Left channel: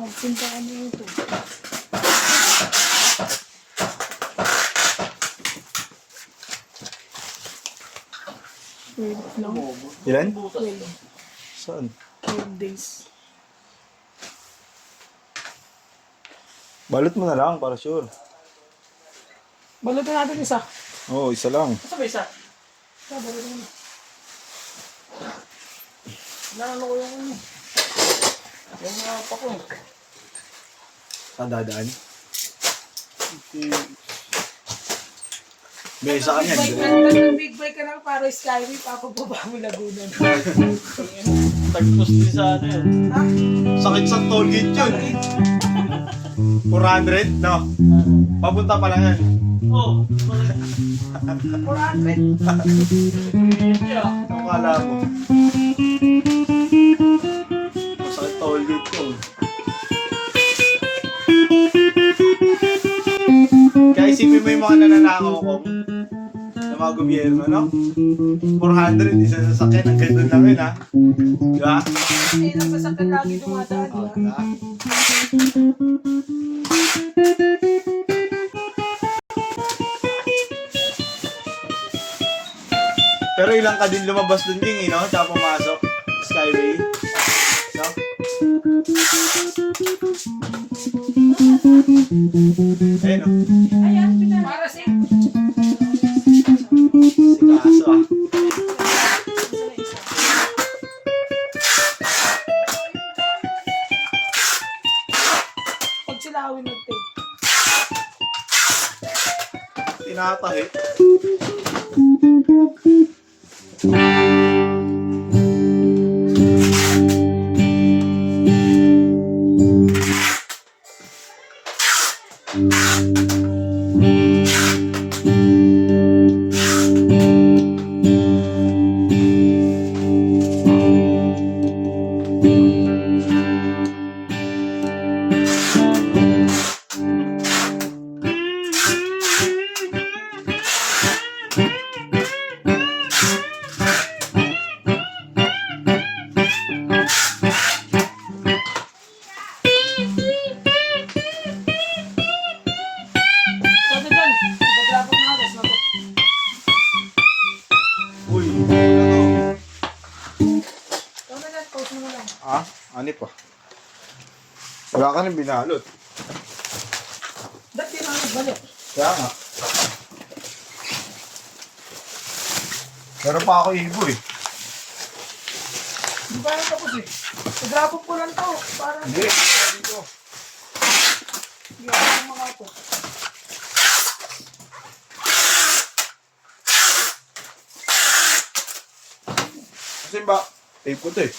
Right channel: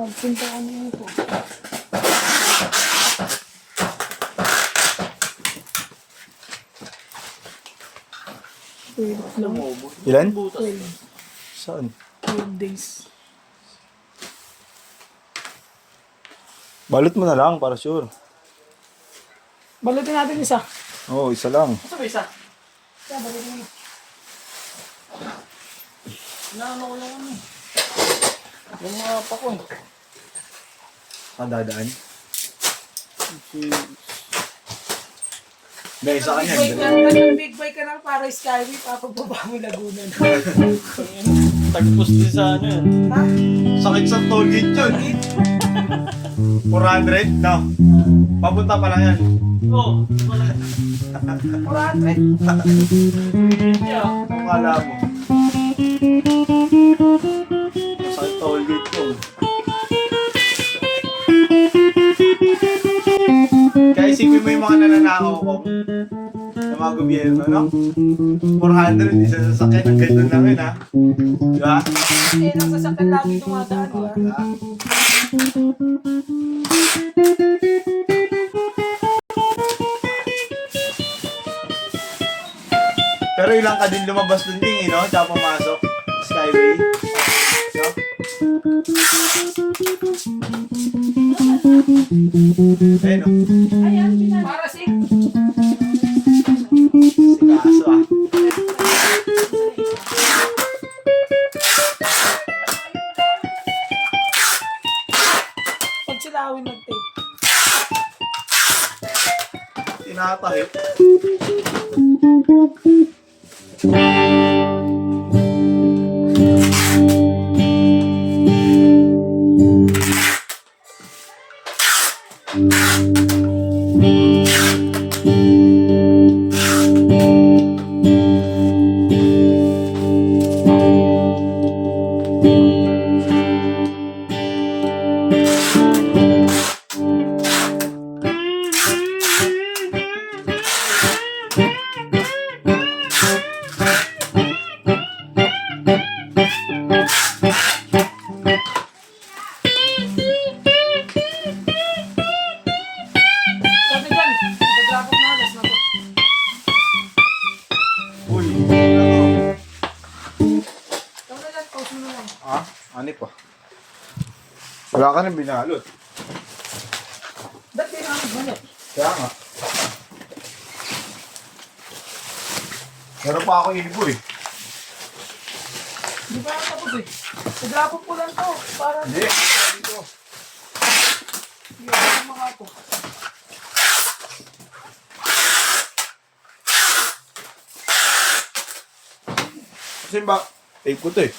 Pinta ka niyo ito. Wait lang. Ilan? 12 Saan? days. Balot mo na lang para sure. Balutin natin isa. Oo, isa lang. Isa ba isa? Isa, balutin mo. Naano ko yung ano. Yung mga pa ko eh. Saan dadaan? May isa ka niyan. Big bike ka lang para Skyway, papababa mo Laguna. Tagpos din sa ano yun. Ha? Sakit sa toll gate yun. 400? No. Papunta pa lang yan. Oo. 400? Ang kala mo. Sakit toll gate yun. Kaya isipin mo yung mga nananakaw ko sa mga gobyerno, no? 400, isa sa sakyan, ang ganda lang yun, ha? Diba? Eh, lang sasakyan lagi dumadaan. Diba? Pero ilang ka din lumabas dun King, no? Tsaka pumasok. Skyway. No? Ayun, no? Ayan, para safe. Kaso, ah. Pag sila awin mag-take. Tinatahi. Sabi dyan, naglapot na alas na to. Uy, ano? Sabi dyan, post mo na lang. Ah, ano pa? Wala ka nang binalot. Ba't di namin balik? Kaya nga. Meron pa ako ibo eh. Di pa lang tapos eh. Naglapot ko lang to. Para Hindi. Dito. hindi ako makapo. Kasi ba, tape ko to eh.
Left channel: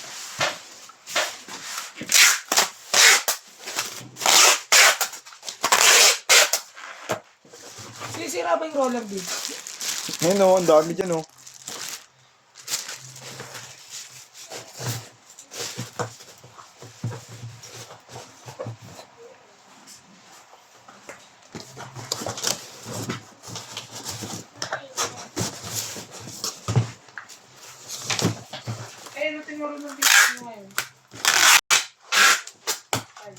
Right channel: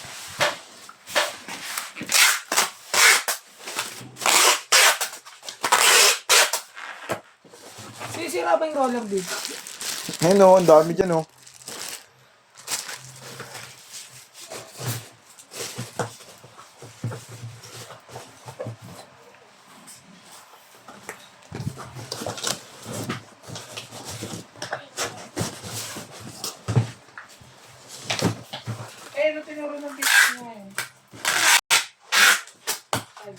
Sisira ba yung roller dito? Ayun o, ang dami dyan o. Eh, ano tinuro ng dito mo? Ay.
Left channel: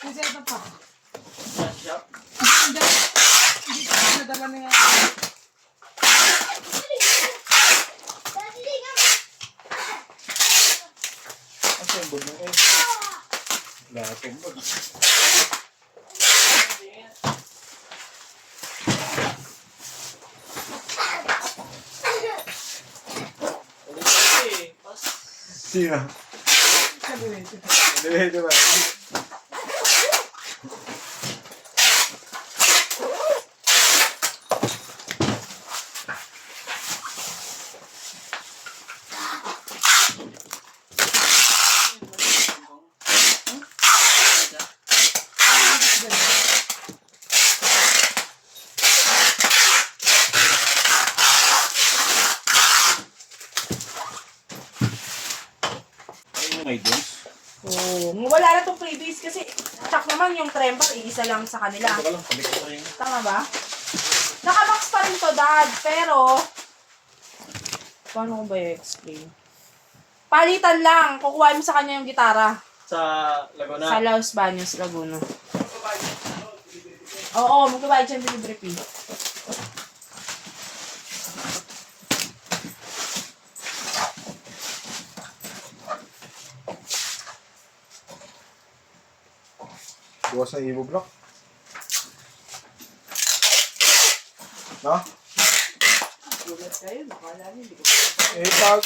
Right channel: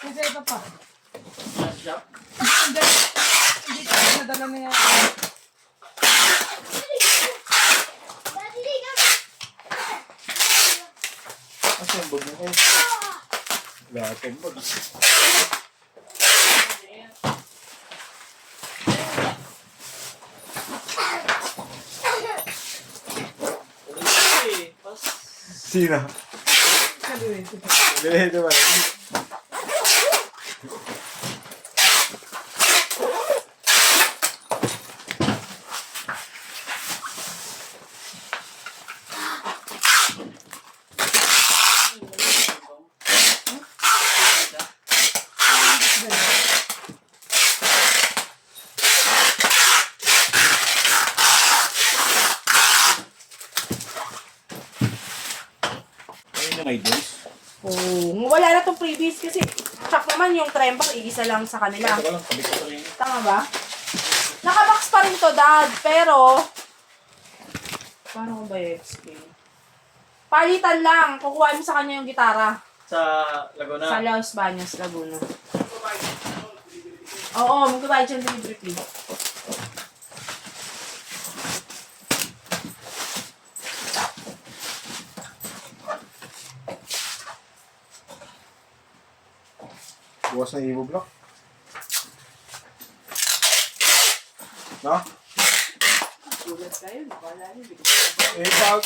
Kasi ito pa. Hindi ko nadala niya. Kasi ang bag ng eh. Wala akong bag. Sino? Hindi, diba? idols. Oo. Wala na itong previous kasi check naman yung tremper, iisa lang sa kanila. Teka lang, kabit ko rin. Tama ba? Nakabox pa rin to, Dad. Pero, paano ko ba i-explain? Palitan lang. Kukuha mo sa kanya yung gitara. Sa Laguna. Sa Los Baños, Laguna. Oo, magbabayad siya ng delivery fee. Bukas ng Evo Block. No? Gulat kayo, nakala niyo. Hindi ko Eh, pag...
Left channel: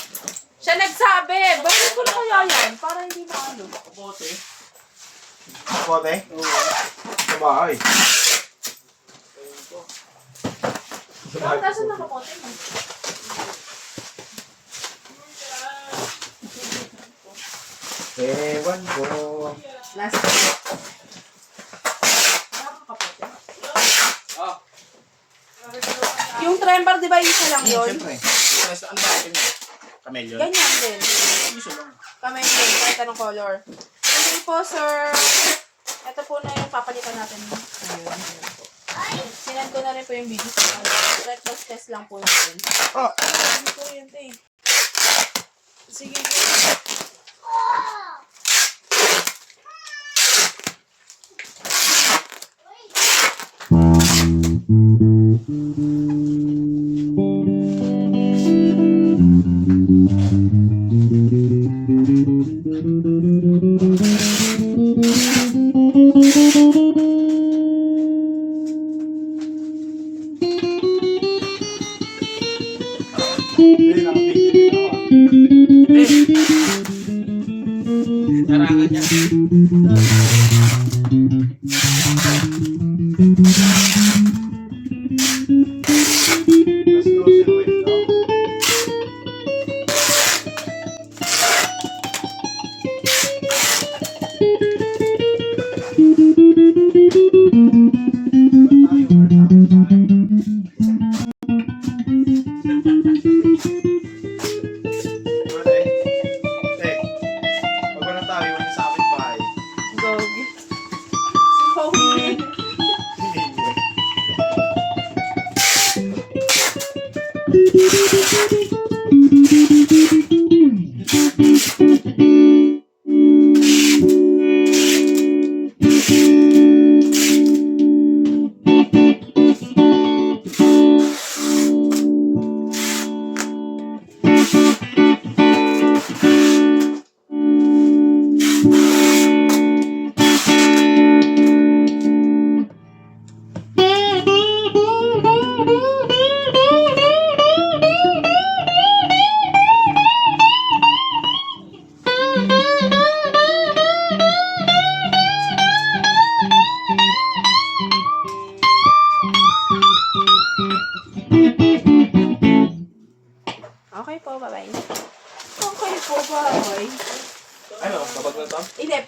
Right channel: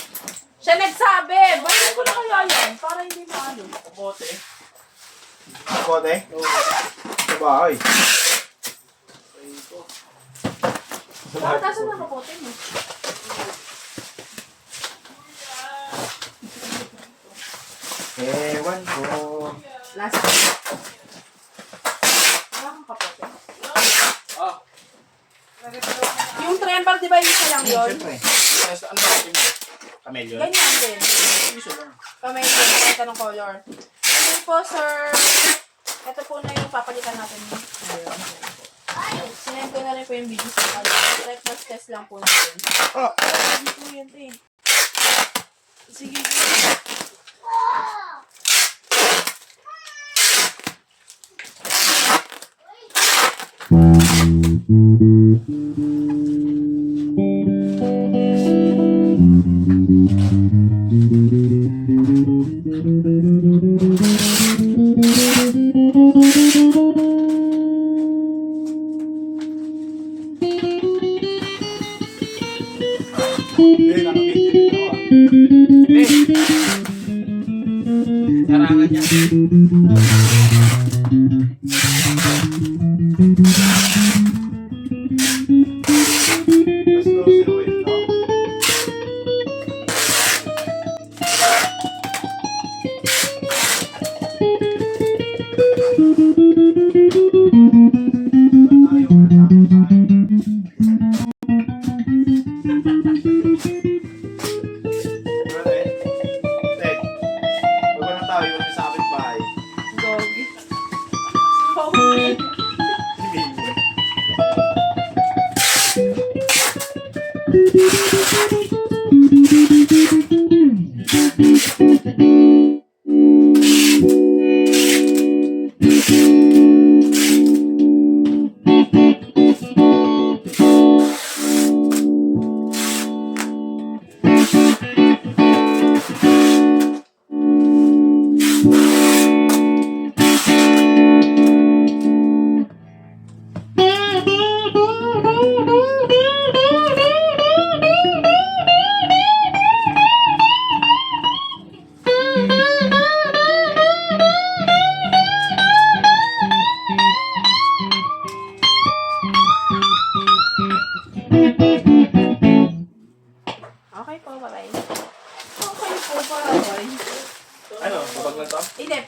siya nagsabi! Bakit ko na kaya yan? Parang hindi ko alam. Bote. Kote? Sa bahay. Bakit nasa nakapote mo? Ewan ko. Last time. Nakakapote. Ah, Yung tremper, di ba isa lang yun? Siyempre. nasa ano natin mo? Camellia? Ganyan din. Isa lang. Kami din, ito ng color. Thank you po, sir. Ito po na yung papalitan natin. Ayun. Sinend ko na rin po yung video. Breakfast test lang po natin. Ah! Ano po yun, te? Sige. Eh, nakabigyan din ako. Larangan niya. Let's go silhouette, no? Doggy. Sorry. Okay po, bye-bye. Okay po, bye. Ano? Babag na to? Hindi,